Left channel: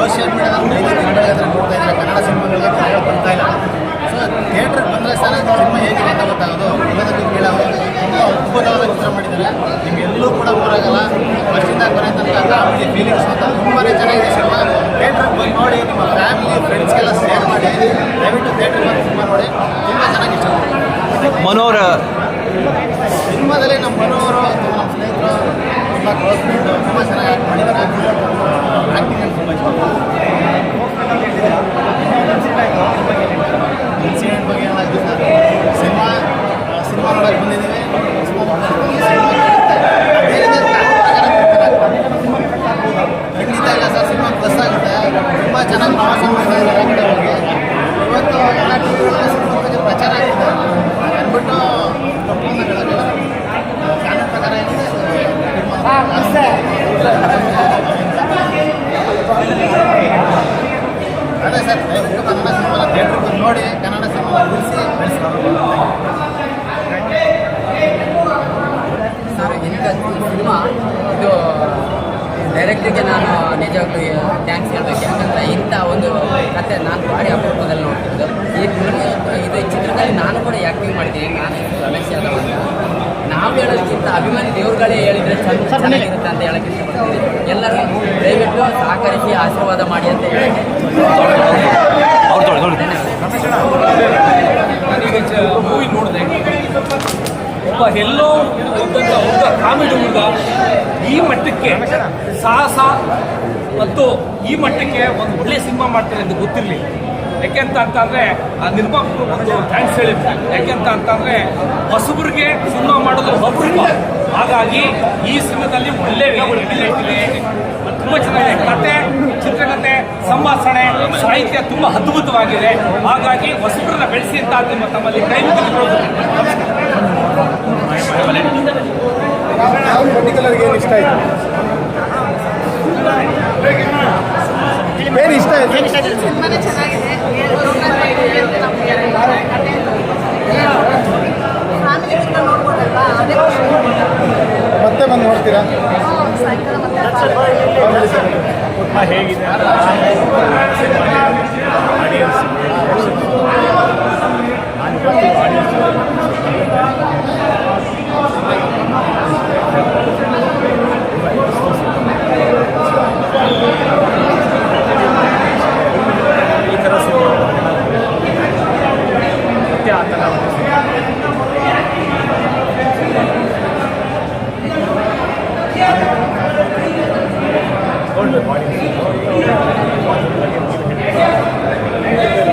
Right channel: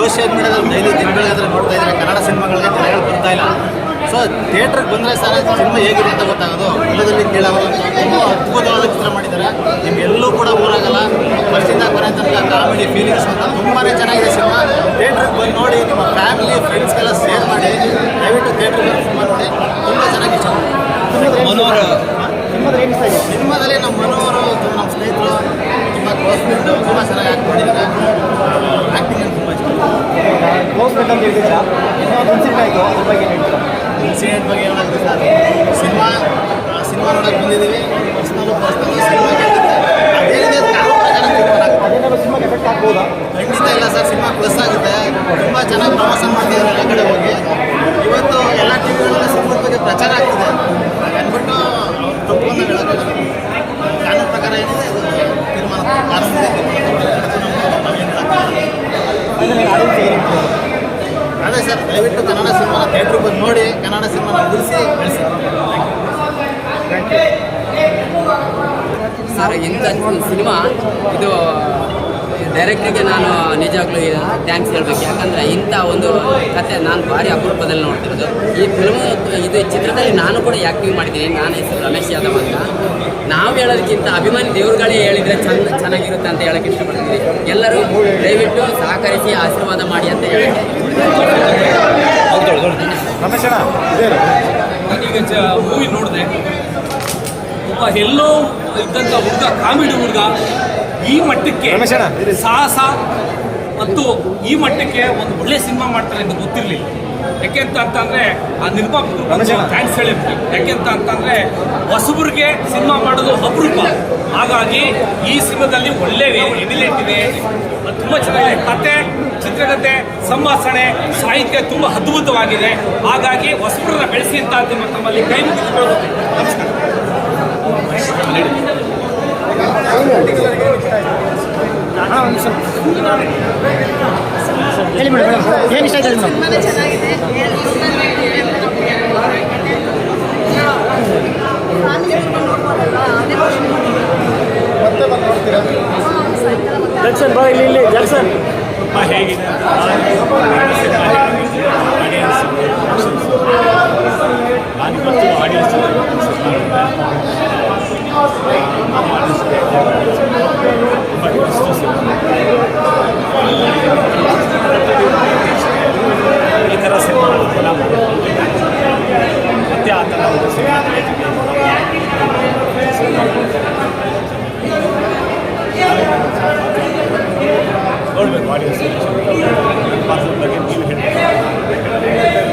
Social ಮೀಡಿಯಾದಲ್ಲಿ daily ದಿನಗಳಿಗಾದ್ರೆ ನೋಡ್ತಾ ಇದ್ರೆ ಕನ್ನಡ ಸಿನಿಮಾಗಳಿಗೆ ಜನಗಳು ಬರ್ತಾ ಇಲ್ಲ. ಸೊ ಥಿಯೇಟ್ರಿಗೆ ಬಂದರೆ ಸಹ ಸಿನಿಮಾ ಹೇಗಿದೆ ಅಂತ ಗೊತ್ತಾಗೋದು. ಎಲ್ಲದಲ್ಲಿ ಕೇಳೋ ಅಂತ ತುಂಬ ಅದ್ಭುತವಾದ ಚಿತ್ರ ಮಾಡಿದ್ದಾರೆ. ನಿಮ್ಗೆಲ್ಲೂ ಕೂಡ ಬೋರಾಗಲ್ಲ. ಫಸ್ಟಿಂದ ಕೊನೆ ತನಕ ಕಾಮಿಡಿ ಫೀಲಿಂಗ್ಸ್ ಅಂತ ತುಂಬಾ ಚೆನ್ನಾಗಿದೆ ಸಿನಿಮಾ. ಥಿಯೇಟ್ರಿಗೆ ಬಂದು ನೋಡಿ ನಿಮ್ಮ ಫ್ಯಾಮಿಲಿ ಫ್ರೆಂಡ್ಸ್ಗೆಲ್ಲ ಶೇರ್ ಮಾಡಿ ದಯವಿಟ್ಟು ಥಿಯೇಟ್ರಿಗೆ ಬಂದು ಸಿನಿಮಾ ನೋಡಿ. ತುಂಬ ಚೆನ್ನಾಗಿ ಇಷ್ಟಪಡ್ತೀನಿ. ಮನೋರ ಸಿನಿಮಾದಲ್ಲಿ ನಮ್ಮ ಮನೋರು ತುಂಬ ನಮ್ಮ ಸ್ನೇಹಿತರು ತುಂಬ ಕ್ಲೋಸ್ ಫ್ರೆಂಡು ತುಂಬ ಚೆನ್ನಾಗಿ ಆ್ಯಕ್ಟ್ ಮಾಡಿದ್ದಾರೆ. ಆ್ಯಕ್ಟಿಂಗ್ ಅಂತ ತುಂಬ ಇಷ್ಟ. ಇನ್ಸಿಡೆಂಟ್ ಬಗ್ಗೆ ಏನಾಗುತ್ತೆ ಸರ್? ಸಿನಿಮಾ ಸಿನಿಮಾ ನೋಡೋಕೆ ಬಂದಿದ್ದೀವಿ. ಅವ್ರು ಪರ್ಸ್ನಲ್ಲು ಸಿನಿಮಾ ಕೇಳುತ್ತೆ. ಕಾನೂನು ಪ್ರಕಾರ ಖಂಡಿತ ಇಲ್ಲ ಸರ್, ಸಿನಿಮಾ ಪ್ಲಸ್ ಆಗುತ್ತೆ. ತುಂಬ ಚೆನ್ನಾಗಿ ಪ್ರಮೋಷನ್ ಮಾಡ್ತಿದ್ದಾರೆ ಎಲ್ಲ ಕಡೆ ಹೋಗಿ. ಇವತ್ತು ಎಲ್ಲ ಟಿ ವಿಗಳಲ್ಲೂ ಸಿನಿಮಾದ ಬಗ್ಗೆ ಪ್ರಚಾರ ಆಗ್ತಿದೆ. ಹಾಗೆ ಅಂದ್ಬಿಟ್ಟು ಅವ್ರು ತಪ್ಪು ಅಂತ ಹೇಳೋಕ್ಕಾಗಲ್ಲ. ಕಾನೂನು ಪ್ರಕಾರ ಏನಿದೆ ಅದು ತೀರ್ಮಾನ. ಕಾನೂನಿಗೆ ತೀರ್ಮಾನ ತಗೊಳ್ಳಿ ಅದಕ್ಕೂ ನಾವು ನಾವೇನು ಹೇಳೋಕ್ಕಾಗಲ್ಲ ಅದೇ ಸರ್, ದಯವಿಟ್ಟು ಕನ್ನಡ ಸಿನಿಮಾನ ಥಿಯೇಟ್ರಿಗೆ ಬಂದು ನೋಡಿ, ಕನ್ನಡ ಸಿನಿಮಾನ ಉಳಿಸಿ, ಬೆಳೆಸಿ. ಸರ್, ಇಂಥ ಸಿನಿಮಾ, ಇದು ಡೈರೆಕ್ಟ್ರಿಗೆ ನಾನು ನಿಜವಾಗ್ಲೂ ಥ್ಯಾಂಕ್ಸ್ ಹೇಳಬೇಕು. ಯಾಕಂದರೆ ಇಂಥ ಒಂದು ಕತೆ ನಾನು ಭಾರಿ ಅಪರೂಪದಲ್ಲಿ ನೋಡ್ತಿರೋದು. ಈ ಫಿಲ್ಮ್ ಇದು ಚಿತ್ರದಲ್ಲಿ ನಾನು ಕೂಡ ಆ್ಯಕ್ಟಿಂಗ್ ಮಾಡಿದ್ದೀನಿ. ನಾನು ಹೆಸರು ರಮೇಶ್ ಯಾದವ್ ಅಂತ. ನಾವು ಹೇಳೋದಕ್ಕಿಂತ ಅಭಿಮಾನಿ ದೇವ್ರುಗಳೇ ಹೇಳಿದರೆ ಚಂದ, ಚೆನ್ನಾಗಿರುತ್ತೆ ಅಂತ ಹೇಳೋಕ್ಕೆ ಇಷ್ಟಪಡ್ತೀನಿ. ಎಲ್ಲರೂ ದಯವಿಟ್ಟು ಸಹಕರಿಸಿ, ಆಶೀರ್ವಾದ ಮಾಡಿ ಅಂತ ಹೇಳೋಕ್ಕೆ ಮೂವಿ ನೋಡಿದೆ. ಒಬ್ಬ ಎಲ್ಲೋ ಇದ್ದಂಥ ಹುಡುಗ ಕಾಮಿಡಿ ಹುಡುಗ ಈ ಮಟ್ಟಕ್ಕೆ ಸಾಹಸ ಮತ್ತು ಈ ಮಟ್ಟಕ್ಕೆ ಒಂದು ಒಳ್ಳೆ ಸಿನಿಮಾ ಮಾಡ್ತಾರೆ ಅಂತ ಗೊತ್ತಿರಲಿಲ್ಲ. ಯಾಕೆಂತ ಅಂತಂದರೆ ಆ ನಿರ್ಮಾಪಕರು ಒಂದು ಥ್ಯಾಂಕ್ಸ್ ಹೇಳಿರ್ತಾರೆ ಯಾಕೆಂತ ಅಂತಂದರೆ ಹೊಸಬ್ರಿಗೆ ಸಿನಿಮಾ ಮಾಡೋದು ಅಪರೂಪ ಹಾಗಾಗಿ ಈ ಸಿನಿಮಾದಲ್ಲಿ ಒಳ್ಳೆ ಎಬಿಲಿಟ್ ಇದೆ. ತುಂಬ ಚೆನ್ನಾಗಿದೆ. ಕತೆ, ಚಿತ್ರಕತೆ, ಸಂಭಾಷಣೆ, ಸಾಹಿತ್ಯ ತುಂಬ ಅದ್ಭುತವಾಗಿದೆ. ಹಾಗಾಗಿ ಹೊಸಬ್ರನ್ನ ಬೆಳೆಸಿ ಅಂತ ನಿಮ್ಮ ತಮ್ಮಲ್ಲಿ ಕೈ ಮುಗಿದು ಕೇಳ್ಕೊತೀನಿ ನಮಸ್ಕಾರ. ಚೆನ್ನಾಗಿದೆ ಫ್ಯಾಮಿಲಿ ನೋಡ್ಬೋದಲ್ವಾ ಅದೇ ಸಿನಿಮಾ ಹೇಗಿದೆ ಅಂತ ನಾನು ಸಿನಿಮಾ ಹೇಳೋದು ಆಡಿಯನ್ಸ್ ರಿಯಾಕ್ಷನ್ಸ್ ನಾನು ಇವತ್ತು ಆಡಿಯನ್ಸ್ ಜೊತೆ ಸಿನಿಮಾ ನೋಡಿದೆ. ನಾನು ಆಡಿಯನ್ಸ್ ತುಂಬ ಇಷ್ಟು ಸಿನಿಮಾ. ಈ ಥರ ಸಿನಿಮಾ ಜನ ಮಾಡಿದ್ರು ಮತ್ತೆ ಆ ಥರ ಒಂದು ಸಿನಿಮಾ ನೋಡಬೇಕು ಆಡಿಯನ್ಸ್ ಪಾತ್ರ ಬಗ್ಗೆ ನೀವು ಹೇಳಿ